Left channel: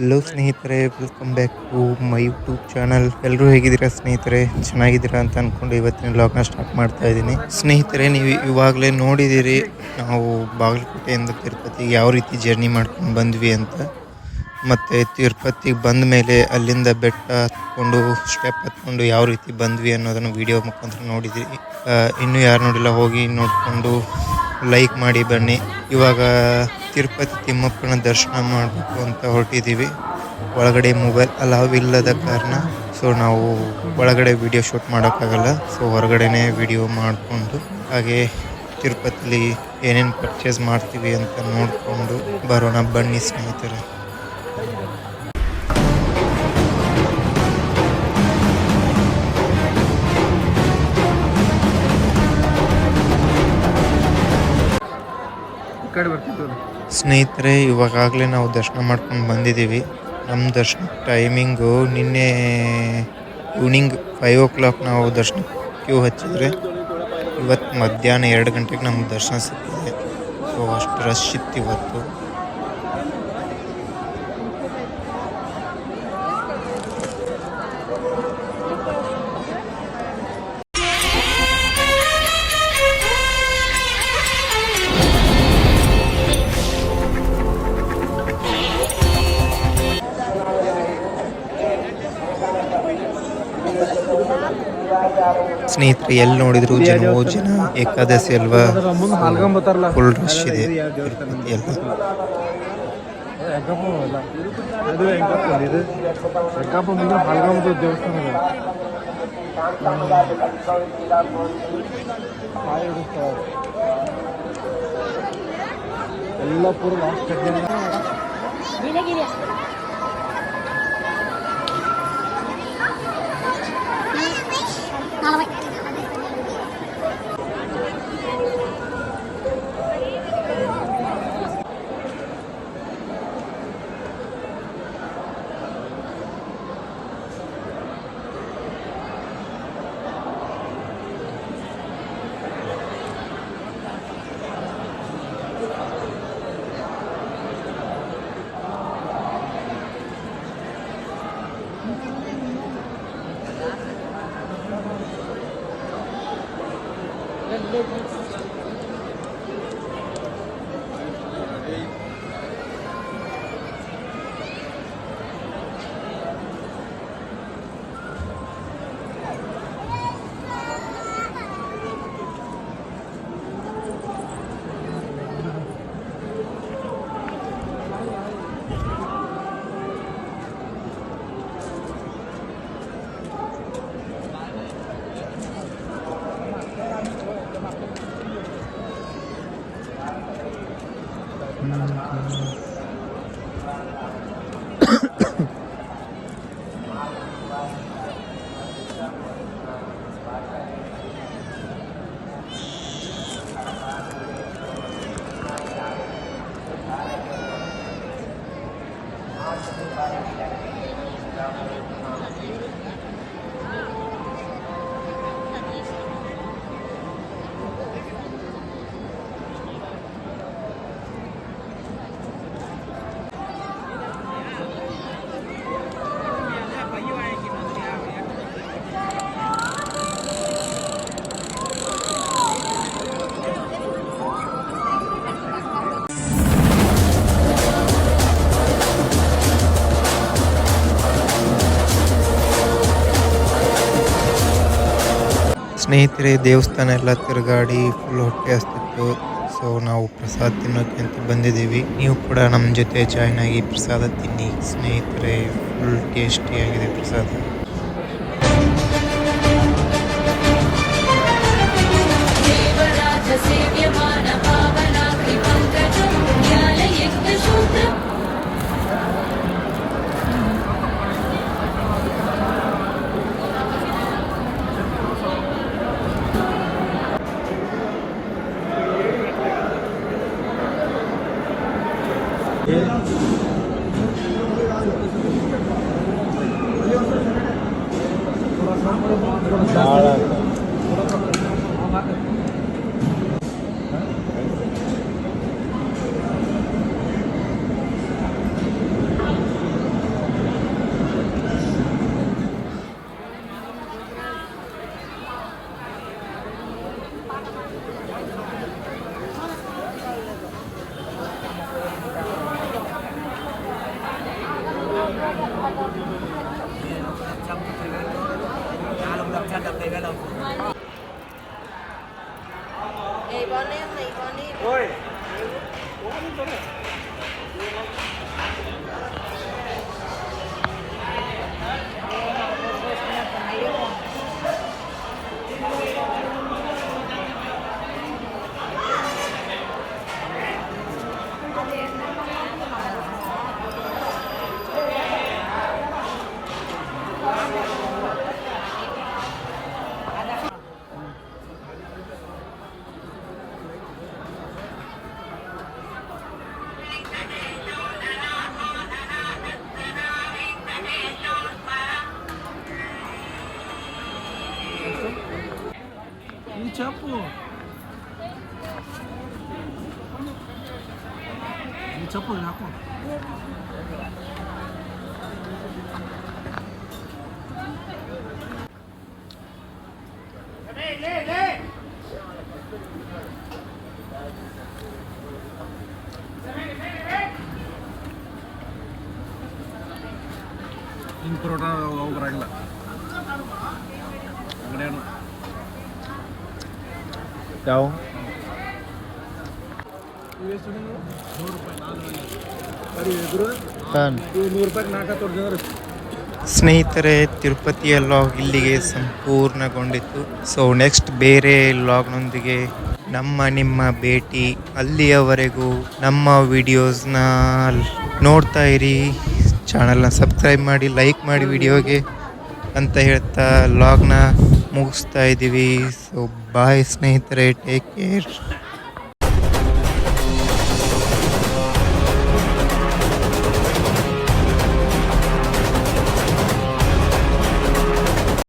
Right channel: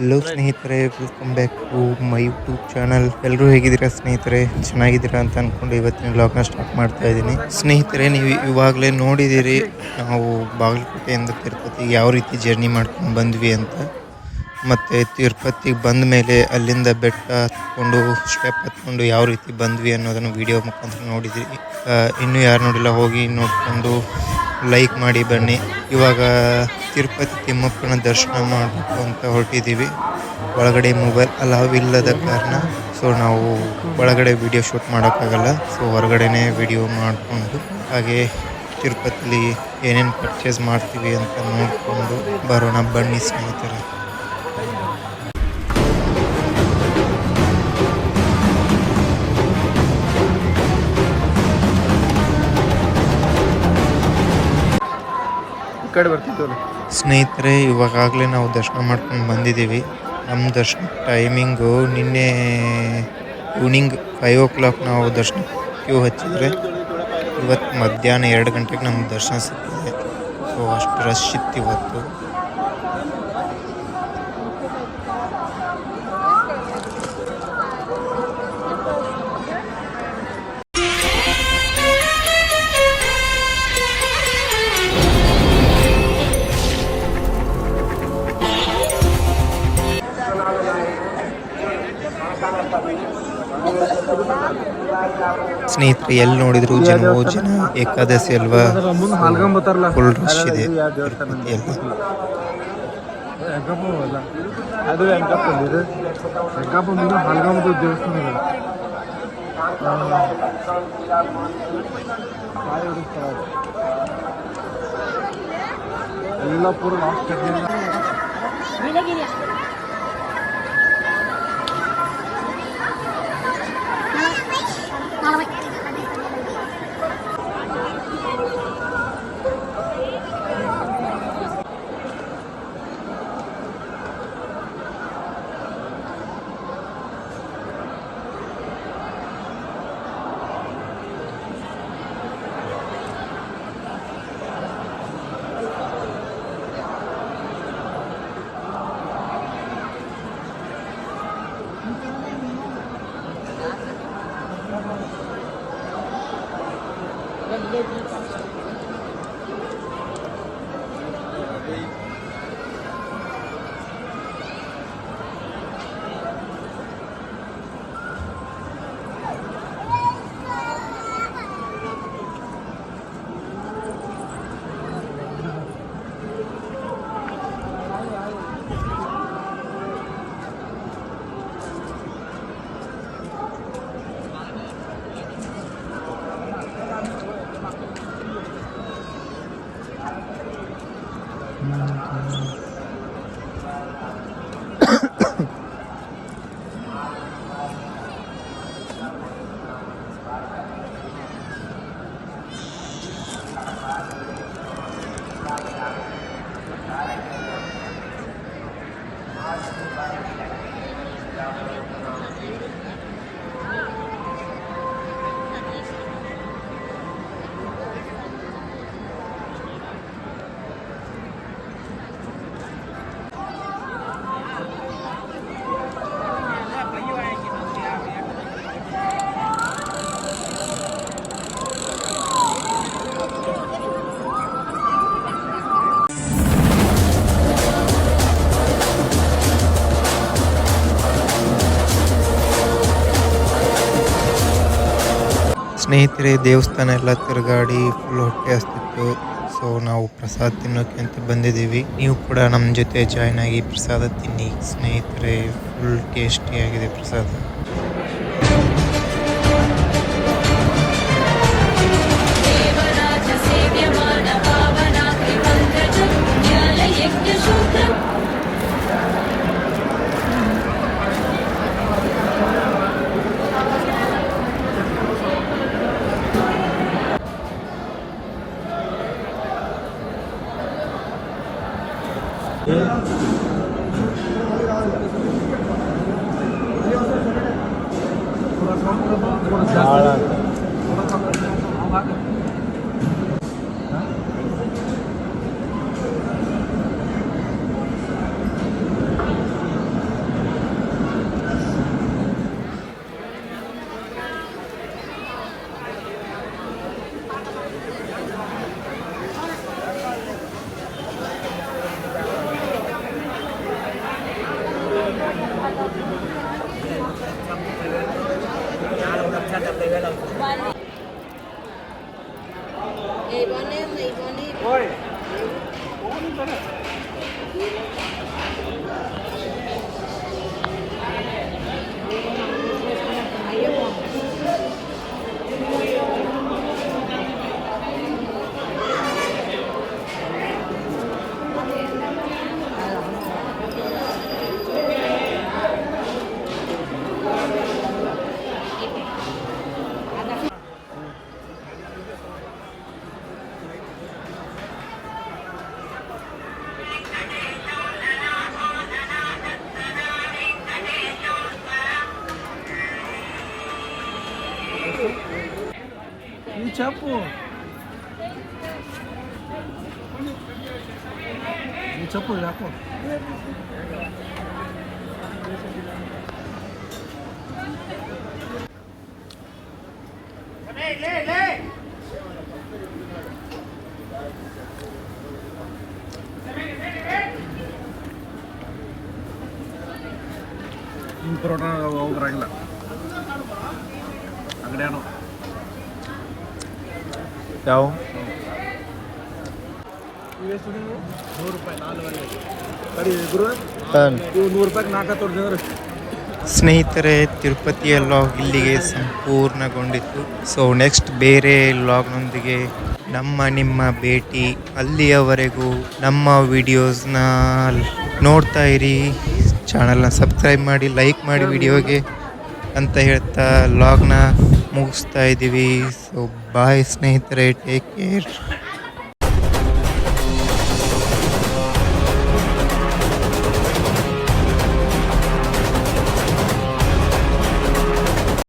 Hello ಸ್ನೇಹಿತರೆ, welcome back to my YouTube channel. ಎಲ್ಲರೂ ಹೇಗಿದ್ದೀರಾ ಸ್ನೇಹಿತರೆ? ಚೆನ್ನಾಗಿದ್ದೀರಾ ಅಂತ ಅನ್ಕೊಂಡು ಇವತ್ತಿನ ವ್ಲಾಗ್ನ ಸ್ಟಾರ್ಟ್ ಮಾಡ್ತಾ ಇದ್ದೀನಿ. ಸ್ನೇಹಿತರೆ, ನೀವು ಇವಾಗಲೇ ನೋಡಿದ್ದೀರಿ ನಾವು ಬಾಗಲಕೋಟೆಯಿಂದ ತಿರುಪತಿಗೆ ಯಾವ ರೀತಿ ಜರ್ನಿ ಮಾಡ್ಕೊಂಡು ಬಂದ್ವಿ ಅಂತ. ಮತ್ತು ತಿರುಪತಿಗೆ ಬಂದ ಮೇಲೆ ಅಲ್ಲಿಂದ ಬೆಟ್ಟ ಹತ್ಕೊಂಡು ಸ್ಟೆಪ್ ಹತ್ಕೊಂಡು ಯಾವ ರೀತಿ ಬಂದ್ವಿ ಅನ್ನೋದನ್ನು ವಿಡಿಯೋ ಮುಖಾಂತರ ನೋಡಿದ್ದೀರಿ. ಇನ್ನೂ ಯಾರು ನೋಡಿಲ್ಲ ಹೋಗಿ ನೋಡಿಕೊಂಡು ಲೈಕ್ ಮಾಡಿ ಬನ್ನಿ. ಇವಾಗ ತಿರುಪತಿ ತಿಮ್ಮಪ್ಪನ ದರ್ಶನ ಮಾಡಬೇಕು ಅಂತ ಹೊರಟಿದ್ದೀವಿ. ಒಳಗಡೆ ಮೊಬೈಲ್ ಅಲಾವ್ ಇಲ್ಲದ ಕಾರಣ ನಾವು ಒಳಗಡೆ ವಿಡಿಯೋ ಶೂಟ್ ಮಾಡೋಕ್ಕಾಗಲ್ಲ. ಹೊರಗಡೆನೇ ವಿಡಿಯೋ ಮಾಡಿಕೊಂಡು ಹಾಗೆ ತಿರುಪತಿಲಿ ಏನೇನು ಪರ್ಚೇಸ್ ಮಾಡ್ತೀವಿ ಅಂತ ನೋಡಿಕೊಂಡು ಬರೋಣ ಬನ್ನಿ ಸ್ನೇಹಿತರೆ. ಸ್ನೇಹಿತರೆ, ಇವಾಗಲೇ ನಾವು ದರ್ಶನ ಮಾಡ್ಕೊಂಡು ಬಂದಿದ್ದೀವಿ. ನಮ್ಮ ದರ್ಶನ ಟೈಮಿಂಗು ನಿನ್ನೆ ಈವ್ನಿಂಗ್ 5 o'clock ನಾವು ದರ್ಶನ ಕ್ಯೂ ಹಚ್ಚಿದರೆ ಇವತ್ತು ಮಧ್ಯಾಹ್ನ 2 ಗಂಟೆಗೆ ನಮ್ಗೆ ದರ್ಶನ ಸಿಕ್ಕಿದೆ. ಅಷ್ಟು ರಶ್ ಇತ್ತು ಇವತ್ತು. ಸ್ನೇಹಿತರೆ, ಎಲ್ಲಿ ನೋಡಿದ್ರು ಜನ ಏಕಾದಶಿ ಅಲ್ವಾ, ಫುಲ್ ರಶ್ ಇದೆ ತಿರುಪತಿ ಎಲ್ಲ. ಸ್ನೇಹಿತರೆ, ದೇವಸ್ಥಾನ ಎಲ್ಲ ತಿರುಗಾಡಿ ಫುಲ್ ಹೊಟ್ಟೆ ಹಸ್ತಿತ್ತು. ನಾವು ಪ್ರಸಾದ ತಿನ್ನೋಕೆ ಅಂತ ಬಂದಿದ್ದೀವಿ. ನೀವು ಕೂಡ ನಮ್ಮ ಜೊತೆ ಜಾಯ್ನ್ ಆಗಿ ಪ್ರಸಾದ ತಿನ್ನಿ ಸ್ನೇಹಿತರೆ. ಫುಲ್ ಟೇಸ್ಟಿಯಾಗಿದೆ ಪ್ರಸಾದ. చెప్పు చెప్పు నాకు ನಿನ್ನ ಪರೋಟ ಹೋಗ್ಬರಂಗಿಲ್ಲ ಅಂಗಡಿಯಾನು ಯಾವ ಎಷ್ಟು ₹100 4 ಕಡಿ ಗುರು ₹100 ನಾಲ್ಕು ತೋರಿಸಿದ್ರೆ ಸ್ನೇಹಿತರೆ, ತಿರುಪತಿಯ ಲಾಗ್ ಇಲ್ಲಿಗೆ ಸಂಪೂರ್ಣಗೊಂಡಿತ್ತು. ಸೊ ನೆಕ್ಸ್ಟ್ ಬೇರೆ ಲಾಗ್ನೊಂದಿಗೆ ನಿಮ್ಮ ಭೇಟಿ. ಅಲ್ಲಿಯವರೆಗೂ ನಮ್ಮ ವಿಡಿಯೋಸ್ನ ನೋಡ್ತಾ ಇರಿ, ಚಾನಲ್ನ ಸಬ್ಸ್ಕ್ರೈಬ್ ಮಾಡಿ, ಲೈಕ್ ಮಾಡಿ ವಿಡಿಯೋಗೆ ಅಂತ ಹೇಳ್ತಾ ಲಾಗ್ನ ಮುಗಿಸ್ತಾ ಇದ್ದೀವಿ. ಸೊ ಬಾಯ್ ಸ್ನೇಹಿತರೆ, ಟೇಕ್ ಕೇರ್.